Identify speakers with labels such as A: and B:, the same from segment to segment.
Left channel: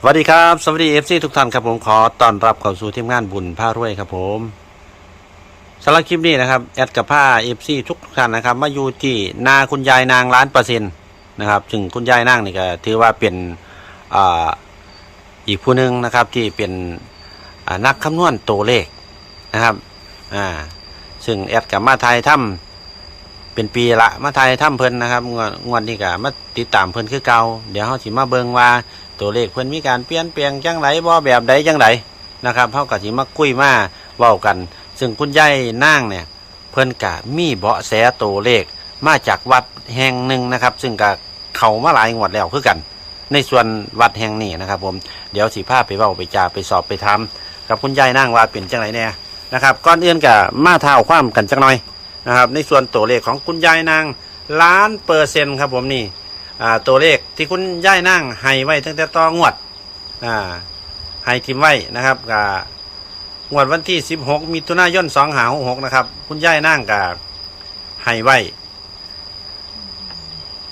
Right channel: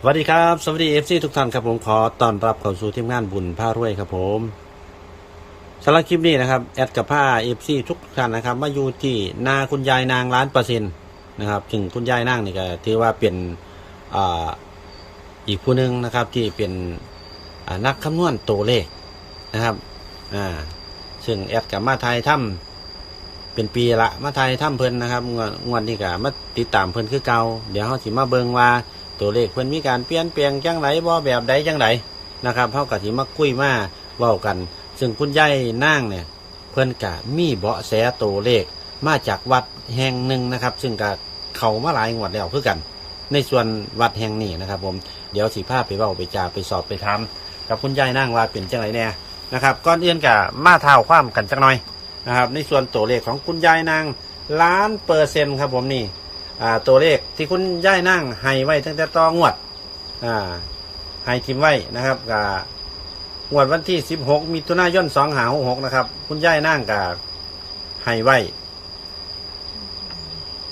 A: สวัสดีครับสวัสดีเอฟซีทุกท่านครับผมขอต้อนรับเข้าสู่ทีมงานบุญผ้ารวยครับผมสำหรับคลิปนี้นะครับแอดกับผ้าเอฟซีทุกท่านนะครับ มาอยู่ที่นาคุณยายนางล้านเปอร์เซ็นต์นะครับถึงคุณยายนางนี่ก็ถือว่าเป็นออีกผู้หนึ่งนะครับที่เป็นนักคำนวณตัวเลขนะครับอ่าซึ่งแอดกับมาไทยถ้ำเป็นปีละมาไทยถ้ำเพิ่นนะครับงวดนี้ก็มาติดตามเพิ่นคือเก่าเดี๋ยวเขาสิมาเบิงว่า ตัวเลขเพิ่อนมีการเปลี่ยนแปลงจังไรบ่แบบใดจังไรนะครับเฮาก็สิมาคุยมาเว้ากัน ซึ่งคุณยายนางเนี่ย เพิ่อนกะมีเบาะแสตัวเลขมาจากวัดแห่งหนึ่งนะครับ ซึ่งก็เขามาหลายงวดแล้วคือกัน ในส่วนวัดแห่งนี้นะครับ ผมเดี๋ยวสิพาไปเว้าไปจ่าไปสอบไปทำกับคุณยายนางว่าเป็นจังไรแน่นะครับก่อนเอื่นกะมาเท้าความกันจักหน่อยนะครับ ในส่วนตัวเลขของคุณยายนางล้านเปอร์เซ็นต์ครับผมนี่ อ่าตัวเลขที่คุณย่ายนั่งให้ไว้ตั้งแต่ต่องวดอ่าให้ทิมไว้นะครับกับงวดวันที่ 16มิถุนายน2หา6นะครับ คุณย่ายนั่งกับให้ไว้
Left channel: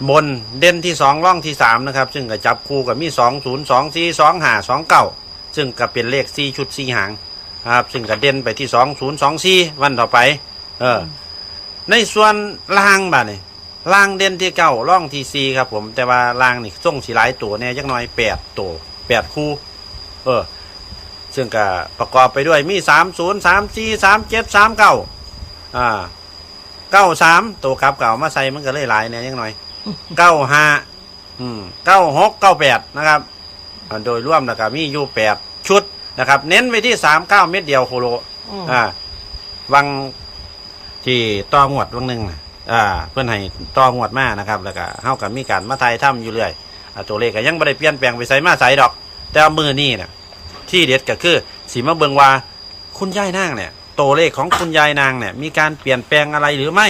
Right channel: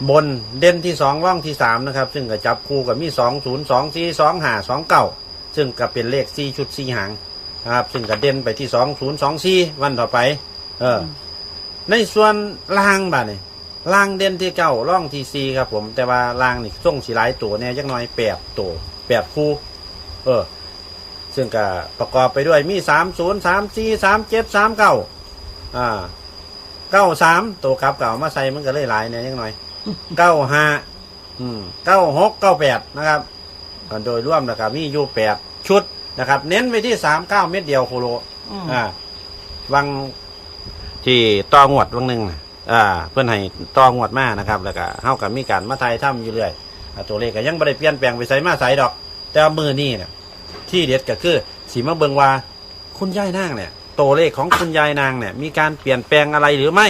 A: บนเด่นที่สองร่องที่สามนะครับ ซึ่งก็จับคู่กับมีสองศูนย์สองสี่สองหาสองเก้าซึ่งก็เป็นเลขสี่ชุดสี่หางครับซึ่งก็เด่นไปที่สองศูนย์สองสี่วันต่อไป เออ ในส่วนล่างบ้านี่ ล่างเด่นที่เก้าร่องที่สี่ครับผมแต่ว่าล่างนี่ส่งสีหลายตัวเนี่ยยักหน้อยแปดตัวแปดคู่ เออ ซึ่งก็ประกอบไปด้วยมีสามศูนย์สามสี่สามเจ็ดสามเก้าอ่าเก้าสามตัวครับเก่ามาใส่มันก็เลยหลายเนี่ยยักหน่อยเก้าห้าอืมเก้าหกเก้าแปดนะครับอ่าโดยร่วมนะครับมีอยู่แปดชุดนะครับ เน้นไปที่สามเก้าเม็ดเดียวโคโล
B: อืม
A: อ่าวังที่ต่องวดวังหนึ่งน่ะ อ่าเพื่อนให้ตองวดมานะครับ แล้วก็เฮากับมีการมาไทยถ้ำอยู่เรื่อยอ่าตัวเลขก็ยังไม่ได้เปลี่ยนแปลงไปใส่มาใส่ดอก แต่ว่ามือนี่น่ะที่เด็ดก็คือสีมาเบิงว่าคุณยายนางเนี่ยตัวเลขของคุณยายนางเนี่ยมีการเปลี่ยนแปลงอะไรหรือไม่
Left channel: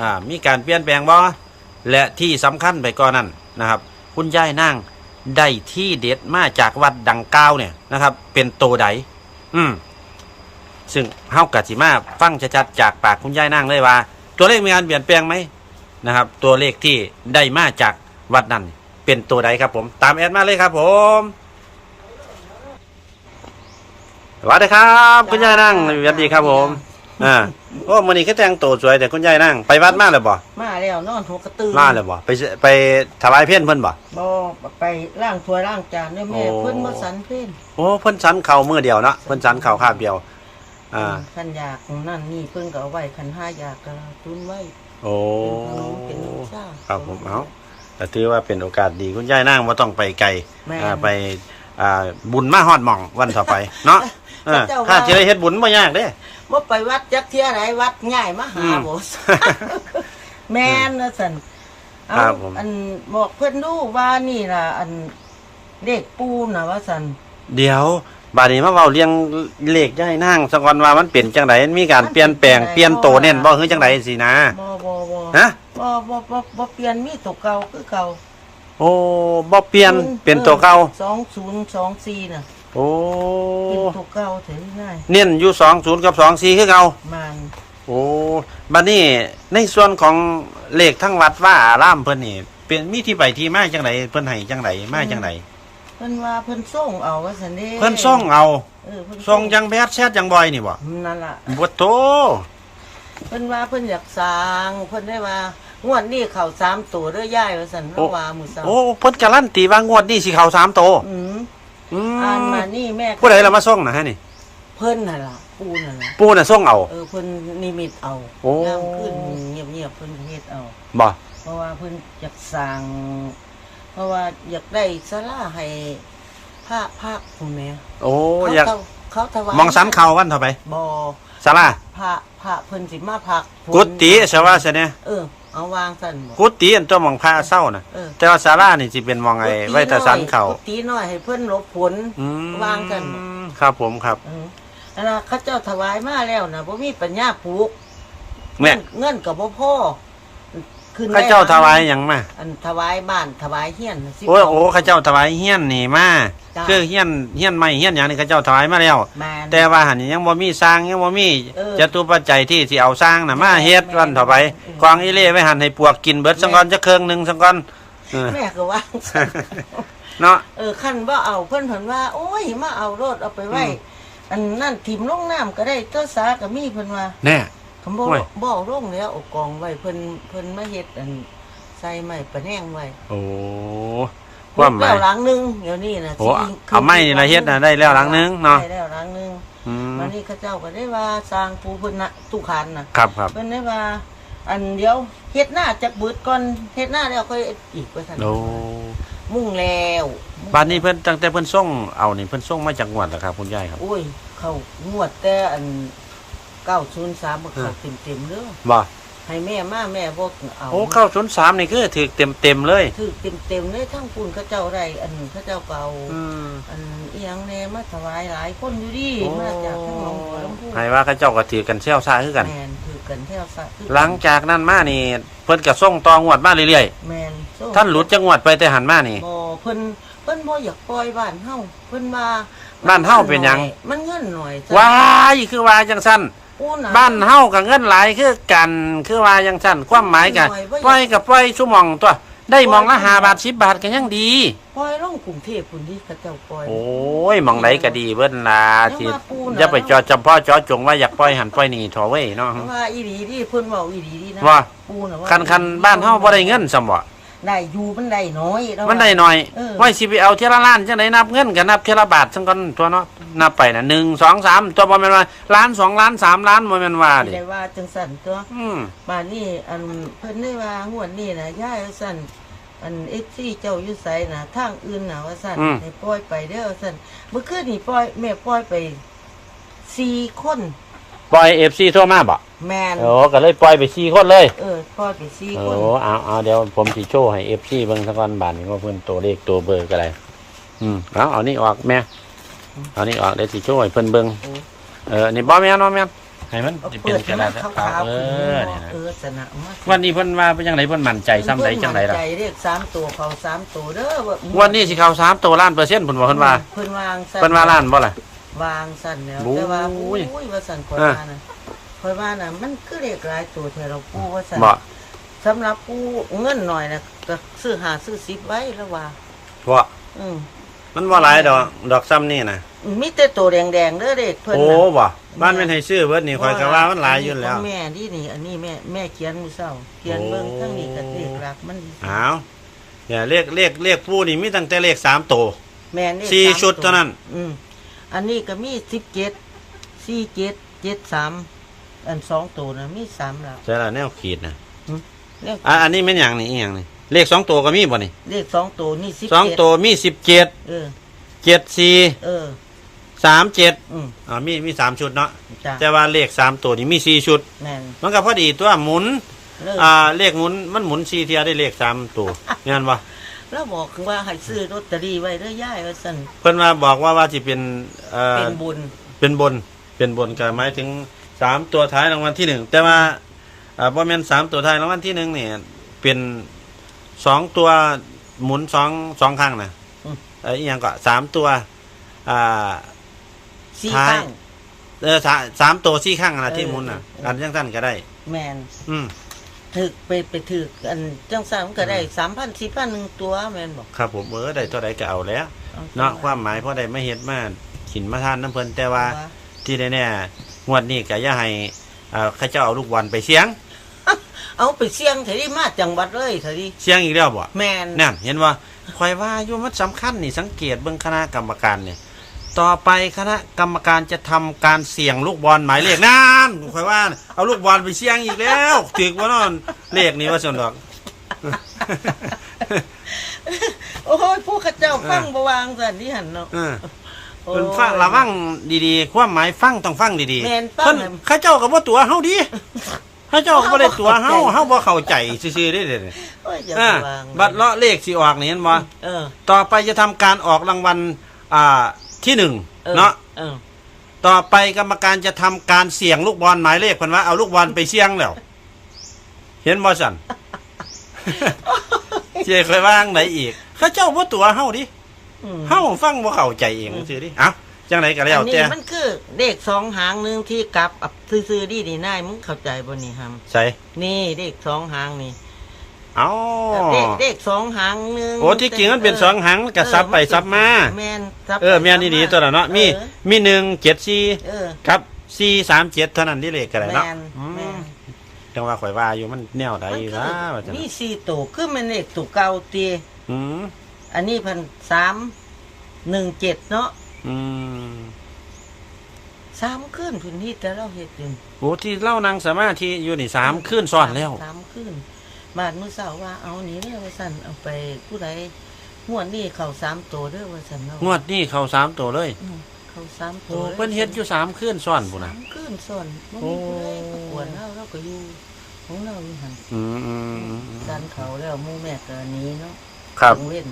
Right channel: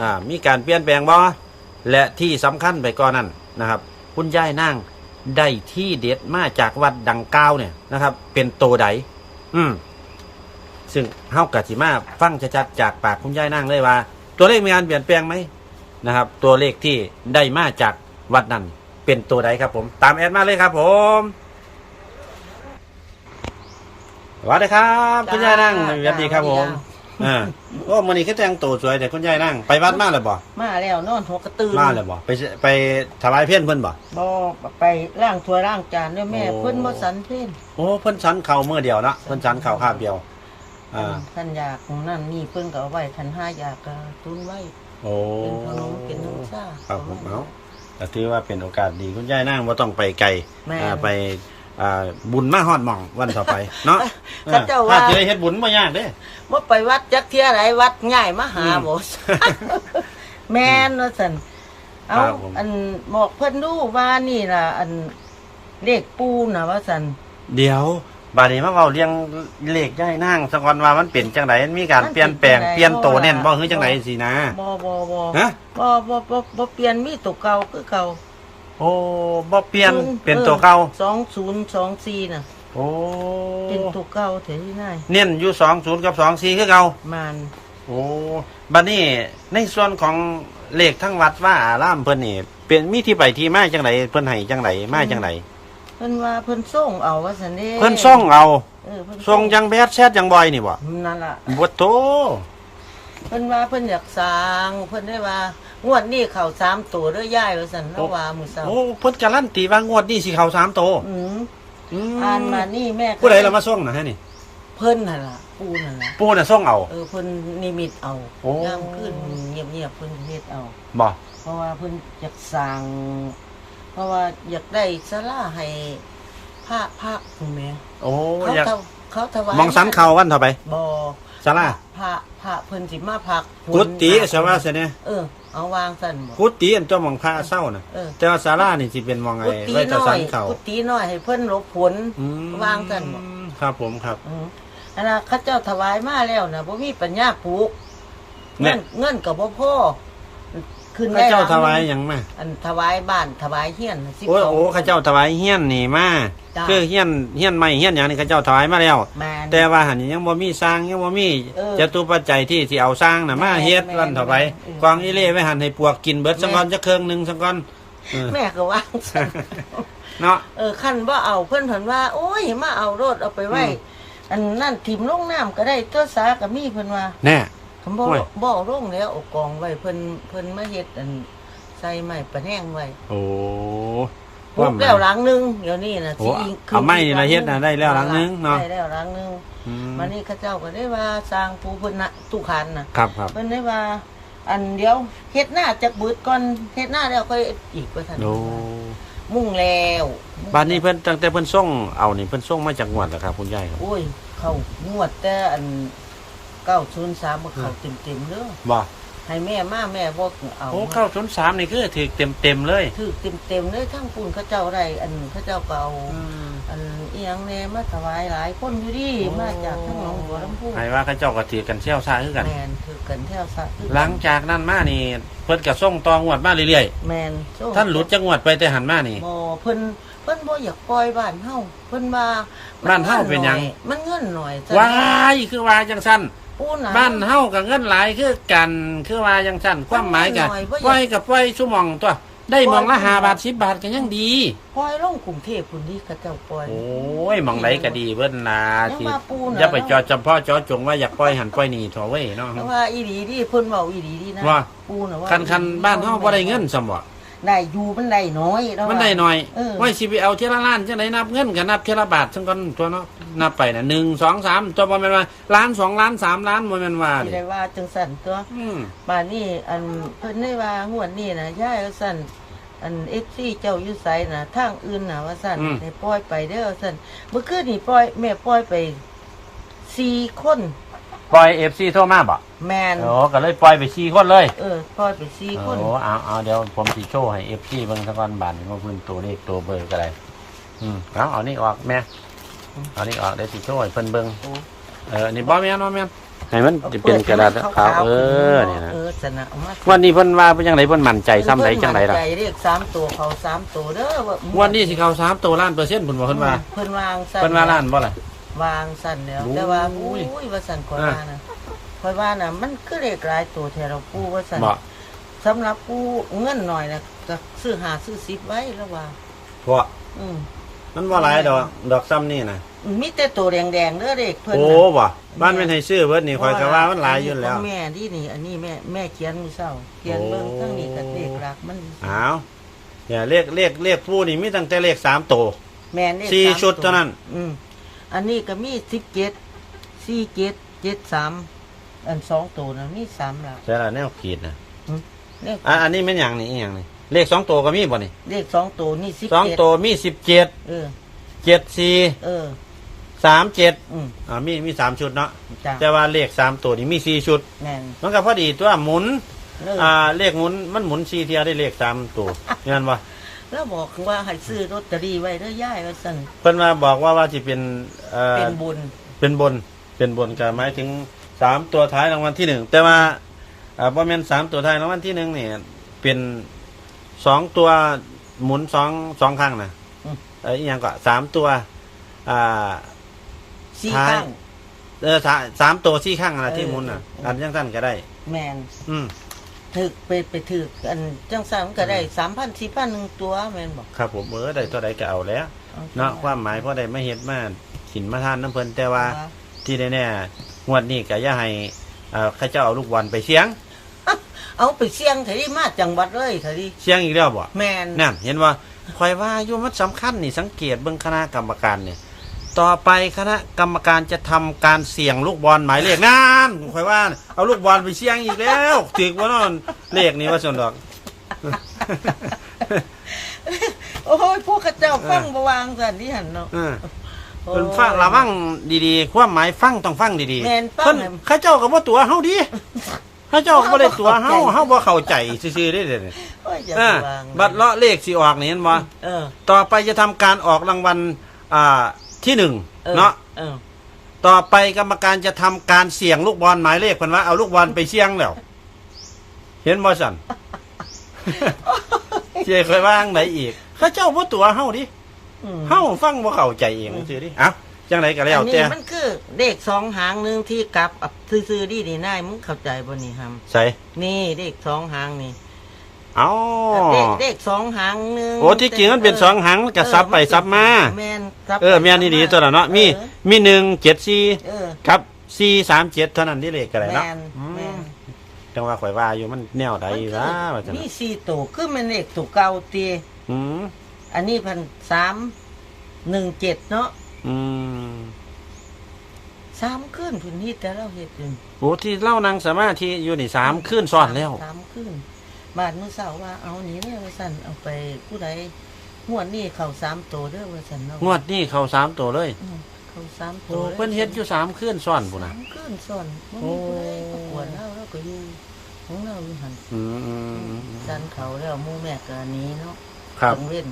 A: อ่ามีการเปลี่ยนแปลงบ่และที่สำคัญไปก่อนนั้นนะครับ คุณยายนางได้ที่เด็ดมาจากวัดดังกล่าวเนี่ยนะครับ เป็นตัวใดอืมซึ่งเฮากะสิมาฟังชัดๆจากปากคุณยายนางเลยว่า ตัวเลขมีการเปลี่ยนแปลงไหมนะครับ ตัวเลขที่ได้มาจากวัดนั้นเป็นตัวใดครับผม ตามแอดมาเลยครับ ผมสวัสดีครับ คุณยายนางสวัสดีครับผม อ่าโอ้มันนี้ก็แต่งตัวสวยแต่คุณยายนางไปวัดมาเลยบ่
B: มาแล้วนอนหัวกระตือ
A: มาเลยบ่ไปไปถวายเพี้ยนเพิ่นบ่
B: บอไปล้างถ้วยล้างจานเนี่ยแม่
A: โอ้
B: เพิ่นบ่สันเพิ่น
A: โอ้เพิ่นสันเข่ามือเดียวเนาะเพิ่นสันเข่าข้างเดียว อ่า
B: ท่านอยากนั่นนี่เพิ่นก็เอาไว้คันห้าอยากก็ตุนไว้
A: โอ้
B: เป็นขนมเป็นน้ำชา
A: ครับผมเอาแต่ถือว่าเป็นโอกาสดีคุณยายนางว่าต้องไปไกล
B: แม่
A: อ่าไปอ่าบุญมาฮอดหม่องวันต่อไป เนาะเออ
B: เจ้าว่า
A: ถ้าเจอเฮ็ดบุญบ่ยากเด้
B: บ่ไปวัดจักเที่ยไหนวัดง่ายมาหา
A: อืม
B: บ่ แม่นว่าซั่นเอา
A: ครับผม
B: อันบอกเพิ่นดูว่านี่ล่ะ อันเลขปูน่ะว่าซั่น
A: เดี๋ยว บาดนี้มาเว้าเรียงเลขยายนางสักวันว่ามันเปลี่ยนจังไดมีการเปลี่ยนแปลงเปลี่ยนโตเน่นบ่คือจังไดสินะ
B: บ่บ่บ่
A: ฮะ
B: บ่บ่บ่บ่เปลี่ยนมีตัวเก่าคือเก่า
A: โอ้บ่เปลี่ยนเป็นตัวเก่า
B: สองศูนย์สองสี่น่ะ
A: โอ้
B: เป็นตัวเก่าเถอะง่าย
A: เน้นอยู่20กับ24คือเก่า
B: มัน
A: โอ้บัดนี้ในส่วนของเลขทั้งวัดว่าอารามเพิ่นนี่เป็นมีที่ไปที่มาจังไดเพิ่นให้จังไดมาจังได
B: เพิ่นว่าเพิ่นส่งเอาว่าสันเด้
A: เพิ่นส่งเอา
B: เออเพิ่น
A: ส่งยังแบดแชทยังบอยนี่บ่
B: นั่นล่ะ
A: บ่โต
B: เพิ่นว่าเพิ่นอยากสร้างเพิ่นได้ว่างวดนี้เข้าสามตัวเด้อย่ายว่าสันเฮาว่ามื้อเช้า
A: โอ้เพิ่นการันตีว่างวดนี้สิเข้าสามโต
B: อืม
A: อืม
B: อ่านมานี่แม่ก็
A: ผู้ใดละมาส่งนะฮะนี่
B: เพิ่นนั่นล่ะปูนั่นล่ะ
A: ปู่น่ะส่งเอา
B: เออเพิ่นนิมิตเอา
A: โอ้
B: ยามขึ้นเงียบๆเพิ่นเฮ็ดเอา
A: บ่
B: เพราะว่าเพิ่นอยากสร้าง เพราะว่าอยากได้ศาลาให้พระพระคุณแม่
A: โอ้
B: เขา
A: อยาก
B: ถวเขาถวาย
A: มองสันเข้าวันเท่าไป
B: บ่
A: ศาลา
B: พระพระเพิ่นสิมาพักฝน
A: กุฏิใช่ว่าซะเนี่ย
B: เออเอาวางสั่นบ่
A: กุฏิอันตัวมองพระเศร้าน่ะ
B: เออ
A: แต่ว่าศาลานี่สิเป็นมองไอ้ไว้แต่สันเข้า
B: กุฏิน้อยให้เพิ่นหลบฝน
A: อืม
B: วางสั่นบ่
A: ครับผมครับ
B: อืมอันน่ะเขาเจ้าถวายมาแล้วน่ะบ่มีปัญญาปลูก
A: แม่
B: เงินเงินก็บ่พอ ขึ้น
A: ข้า
B: ได้
A: เจ้า
B: หลัง
A: ถวายหยังมา
B: อันถวายบ้านถวายเฮียนน่ะสิ
A: โอ้ยโอ้ข้าเจ้าถวายเฮี้ยนนี่มา
B: จ้ะ
A: คือเฮี้ยนเฮี้ยนไม่เฮี้ยนอย่างนี้ข้าเจ้าถวายมาแล้ว
B: แม่น
A: แต่ว่าหันยังบ่มีสร้างยังบ่มี
B: เออ
A: จตุปัจจัยที่สิเอาสร้างน่ะมาเฮ็ด
B: แม่น
A: วันต่อไป
B: แม่น
A: กองอีเล่ไว้หันให้ปวกกินเบิดสังก่อนจะเครื่องหนึงสังก่อนเออ
B: แม่ก็วางสั่น
A: เนาะ
B: เออขั้นว่าเอาเพิ่นเพิ่นว่า โอ้ยมาเอารถเอาไปไว้
A: อืม
B: อันนั่นถิ่มลงน้ำก็ได้ตัวสากับมีเพิ่นว่า
A: แน่
B: คำบอก
A: โอ้ย
B: บอกลงแล้วเอากองไว้เพิ่นเพิ่นมาเฮ็ดอันใส่ไม้ประแนงไว้
A: โอ้
B: ปลู
A: ว่ากหมา
B: แล้
A: ย ว
B: หลังนึงเดี๋ยวนี้นะ
A: โอ้
B: สิ
A: เอาไม้นี่ละเฮ็ดน่ะได้แล้วหลังนึงเนาะ
B: ได้แล้วหลังนึง
A: อืม
B: มานี่เข้าเจ้าก็ได้ว่าสร้างปูเพิ่นน่ะตุคันน่ะ
A: ครับครับ
B: เพิ่นได้ว่า อันเดียวเฮ็ดหน้าจะบืดก่อนเฮ็ดหน้าแล้วค่อยอีกว่าซั่น
A: โอ้
B: มุ่งแล้ว
A: บ้านนี้เพิ่นตั้งแต่เพิ่นส่งเอานี่เพิ่นส่งมาจากงวดแล้วครับ คุณยายครับ
B: โอ้ย เข้างวดแต่อัน 903บ่เข้าเต็มๆเด้อ
A: บ่
B: ให้แม่มาแม่บ่เอา
A: โอ้เข้าศูนย์สามนี่คือถือเต็มเต็มๆเลย
B: ถือเต็มๆเลยทั้งปูนเขาเจ้าได้อันเขาเจ้าก็เอา
A: อืม
B: อันอีหยังแน่มาถวายหลายคนอยู่ดิ
A: โอ้
B: มาจากทั้งหนองบัวลำพู
A: ให้ว่าเขาเจ้าก็ถือกันเชี่ยวซ่าคือกัน
B: แมนถือกันแถวสะถือกัน
A: หลังจากนั้นมานี่ เพิ่นก็ส่งต่องวดมาเรื่อย
B: แมนโซ่
A: ๆท่านหลุดจังหวัดไปแต่หันมานี่
B: บ่เพิ่นเพิ่นบ่อยากปล่อยบ้านเฮาเพิ่นว่า
A: บ้านเฮาเป็นหยัง
B: มันเงินหน่อยจ้ะ
A: ว้ายคือว่าจังสั้น
B: ปูน่ะ
A: บ้านเฮากับเงินหลายคือกันคือว่าจังสั้นความหมายกัน
B: หน่อยบ่อยาก
A: ปล่อยกับปล่อยชั่วโมงตัว ได้หมองละห้าบาทสิบบาทก็ยังดี
B: ปล่อยลงกรุงเทพพุ่นดิเขาเจ้าปล่อย
A: โอ้ยหมองไหนก็ดีเบิ้นลา
B: ยัง
A: ที่
B: มาปูน่ะ
A: อย่าไปจอจำพ่อจอจงว่าอยากปล่อยหันปล่อยนี่ถอเว้ยเนาะ
B: แต่ว่าอีหลีดิเพิ่นเว้าอีหลีดินะ
A: ว่า
B: ปูน่ะว่า
A: คันคันบ้านเฮาบ่ได้เงินสมบ่
B: ได้อยู่มันได้น้อยแล้ว
A: มันได้หน่อย
B: เออ
A: ไว้สิไปเอาเทยละล้านจังไดนับเงินก็นับเทยละบาทจังก่อนตัวเนาะนับไปน่ะ1 2 3ตัวบ่แม่นว่าล้านสองล้านสามล้านบ่แม่นว่า
B: สิ
A: ดิ
B: ได้ว่าจังสั่นตัว
A: อืม
B: บ้านนี้อันเพิ่นได้ว่างวดนี้นะย่ายว่าสั่นอันเอฟซีเจ้าอยู่ไสนะทางอื่นนะว่าสั่นให้ปล่อยไปเด้อว่าสั่นเมื่อคืนนี่ปล่อยแม่ปล่อยไปสี่คน
A: ปล่อย FC ทั่วมาบ่
B: แมน
A: โอ้ก็เลยปล่อยไป4คนเลย
B: เออปล่อยไปสี่คน
A: โอ้เอาเอาเดี๋ยวผมสิโชว์ให้ FC เบิ่งสักวันบาทนี่ว่าเพิ่นตัวเลขตัวเบอร์ก็ได้อืมเอาเอานี่ออกแม่เอานี่ออกเดี๋ยวสิโชว์ให้เพิ่นเบิ่ง
B: โอ้
A: เออนี่บ่แม่นบ่แม่นให้มัน
B: เอา
A: จะ
B: เปิ
A: เป็
B: ด
A: นก
B: ให้
A: ระ
B: มั
A: ดานษ
B: ขาว
A: ขาว
B: ๆ
A: เอ
B: ขึ้น
A: อนี่นะ
B: เออสนะเอามา
A: วันนี้เพิ่นว่าเป็นจังไดเพิ่นมั่นใจซ้ำใดจังไดล่ะ
B: ใจเรียกสามตัวเขาสามตัวเด้อว่า
A: วันนี้สิเข้าสามตัวล้านเปอร์เซ็นต์เพิ่นว่าเพิ่นว่า
B: เพิ่นวางสั่น
A: เพิ่นว่าล้านบ่ล่ะ
B: วางสั่นแล้ว
A: โอ้ย
B: แต่ว่าอุ้ยว่าสั่นก่อน
A: เออ
B: ว่านะคอยว่าน่ะมันคือเลขหลายตัวแทเราปูว่าสั่น
A: บ่
B: สำหรับกูเงินหน่อยนะก็ซื้อหาซื้อสิบไว้แล้วว่า
A: เพราะ
B: อืม
A: มันบ่หลายดอก ดอกซ้ำนี่นะ
B: มีแต่ตัวแดงๆเด้อเด็กเพิ่น
A: โอ้
B: น่ะ
A: บ่บ้านแม่นให้ซื้อเบิดนี่ข่อยก็ว่ามันหลายอยู่แล้ว
B: ของแม่นี่นี่ อันนี้แม่แม่เขียนมือเศร้าเขียนเบิ่ง
A: โอ้
B: ทั้งนี้ก็เลขหลักมัน
A: อ้าวเนี่ยเลขเลขเลขผู้นี่มีตั้งแต่เลขสามตัว
B: แม่เลข
A: สี่า
B: ม
A: ชุดเท่านั้น
B: อืม อันนี้ก็มีสิบเจ็ดสี่เจ็ดเจ็ดสามอันสองตัวนะมีสามหลัก
A: ใช่แล้วแนวขีดนะ
B: เลข
A: อะอันนี้แม่นหยังนี่อีหยังนี่เลขสองตัวก็มีบ่นี่
B: เลขสองตัวนี่สิบ
A: สอง
B: เจ็ด
A: ตัวมีสิบเจ็ด
B: เออ
A: เจ็ดสี่
B: เออ
A: สามเจ็ด
B: อืม
A: อ่ามีมีสามชุดเนาะ
B: จ้ะ
A: แต่ว่าเลขสามตัวนี่มีสี่ชุด
B: แม่น
A: มันก็พอดีตัวหมุน
B: เลิก
A: อ่าเลขหมุนมันหมุนสี่เทียได้เลขสามตัวเห็นปะ
B: แล้วบอกว่าให้ซื้อลอตเตอรี่ไว้เด้อย่ายว่าสั่น
A: เพิ่นมาบอกว่าว่าจะเป็นเอ่อ
B: เป็นบุญ
A: เป็นบน เป็นบนก็หมายถึงสามตัวท้ายรางวัลที่หนึ่งแต่ว่าอ่าบ่แม่นสามตัวท้ายรางวัลที่หนึ่งเนี่ยเป็นสองตัวหมุนสองสองครั้งนะเอ้ยอหยังก็สามตัว อ่า
B: สี่
A: ท้าย
B: ข้าง
A: เออสามสามตัวสี่ข้างนะที่
B: เออ
A: หมุนน่ะ
B: เออ
A: อันยังสั้นก็ได้
B: แม่น
A: อืม
B: ถึกไปไปถึกอันจังสามก็ได้สามพันสี่พันหนึ่งตัวแม่นบอก
A: ครับผมเออได้เท่าใดก็เอาแล้วเนาะความหมายเพราะได้ไม่เฮ็ดมาขินมาทานน้ำเพลินแต่ว่าที่แน่ๆงวดนี้ก็อย่าให้เอ่อเข้าเจ้าเอาลูกบอลไปเสียง
B: เอาไปเสี่ยงเถอะดิมาจังหวัดเลยเถอะดิ
A: เสียงอีกแล้วบ่
B: แม่น
A: นั่นเห็นว่าคอยว่าอยู่มันสำคัญนี่สังเกตเบิ่งคณะกรรมการเนี่ย ต่อไปคณะกรรมการจะทำการเสี่ยงลูกบอลหมายเลขนั่นคอยว่า เอาลูกบอลไปเสี่ยงอีกแล้วถึกว่านั่นเลขนี้ว่าสนดอก
B: โอ้ยพวกเข้าเจ้าฟังบวางสันนี่หันเนาะ
A: เออเพิ่นฟังระวังดีๆ ความหมายฟังต้องฟังดี
B: แม่นฟัง
A: เพิ่น
B: ให้
A: เข้าเจ้าก็บ่ตัวเฮาดีเข้าเจ้าก็บ่ได้ตัวเฮาเฮาบ่เข้าใจซื่อๆเด้เด้
B: โอ้ยอย่า
A: อ่า
B: ไปวาง
A: บัตรเลาะเลขสิออกนี่เห็นบ่
B: เออ
A: ต่อไปจะทำการออกรางวัลอ่า ที่หนึ่ง
B: ออ
A: เนาะ
B: เออ
A: ต่อไปกรรมการจะทำการเสี่ยงลูกบอลหมายเลขเพิ่นว่าเอาลูกบอลไปเสี่ยงแล้ว เห็นบ่สั่นเจ้เคยว่างไหนอีกเข้าเจ้าบ่ตัวเฮาดิ
B: อืม
A: เฮาฟังบ่เข้าใจเองซื่อดิเอ้าจังไดก็แล้ว
B: อัน
A: แต่
B: นี้มันคือเลขสองหางหนึ่งที่กลับอับซื้อๆดีดีนายมึงเข้าใจบ่นี่ฮัม
A: ใส่
B: นี่เลขสองหางนี่
A: เอ้า
B: เด็กเด็กสองหางหนึง
A: โอ้ที่จริงมันเป็นสองหางกระซับไปซับมา
B: แม่นซับไป
A: เออแม่นดีๆตัวละเนาะมี
B: เออ
A: มีหนึ่งเจ็ดสี่
B: เออ
A: ครับสี่สามเจ็ดเท่านั้นที่เลขกันเลยเนาะ
B: แม่น
A: อื
B: แม่
A: ม
B: น
A: จังว่าข่อยว่าอยู่มันแนวใดวะว่าจัง
B: มีสี่ตัวคือมันเลขตัวเก่าตี
A: อืม
B: อันนี้พันสามหนึ่งเจ็ดเนาะ
A: อืม
B: สามขึ้นพื้นที่แต่เราเห็ดเป็น
A: โอ้ที่เล่านางสมาธิอยู่นี่สามขึ้นซ้อนแล้ว
B: สามขึ้น บาทมื่อเสาร์ว่าเอานี้เด้อว่าสันเอาไปผู้ใดงวดนี้เขาสามตัวเด้อว่าสันเนาะ
A: งวดนี้เข้าสามตัวเลย
B: อืมเขาสามตั
A: โอ้
B: ว
A: เพิ่นเฮ็ดอยู่สามขึ้นซ้อนปุ่นนะ
B: สามขึ้นส่วนบ่
A: โอ้
B: มีผู้ใดประกวดเราเราก็อยู่ของเราอยู่หัน
A: อืมอืมอืม
B: ดันเขาแล้วหมู่แม่ก็หนี้เนาะ
A: ครับ
B: กังเว้น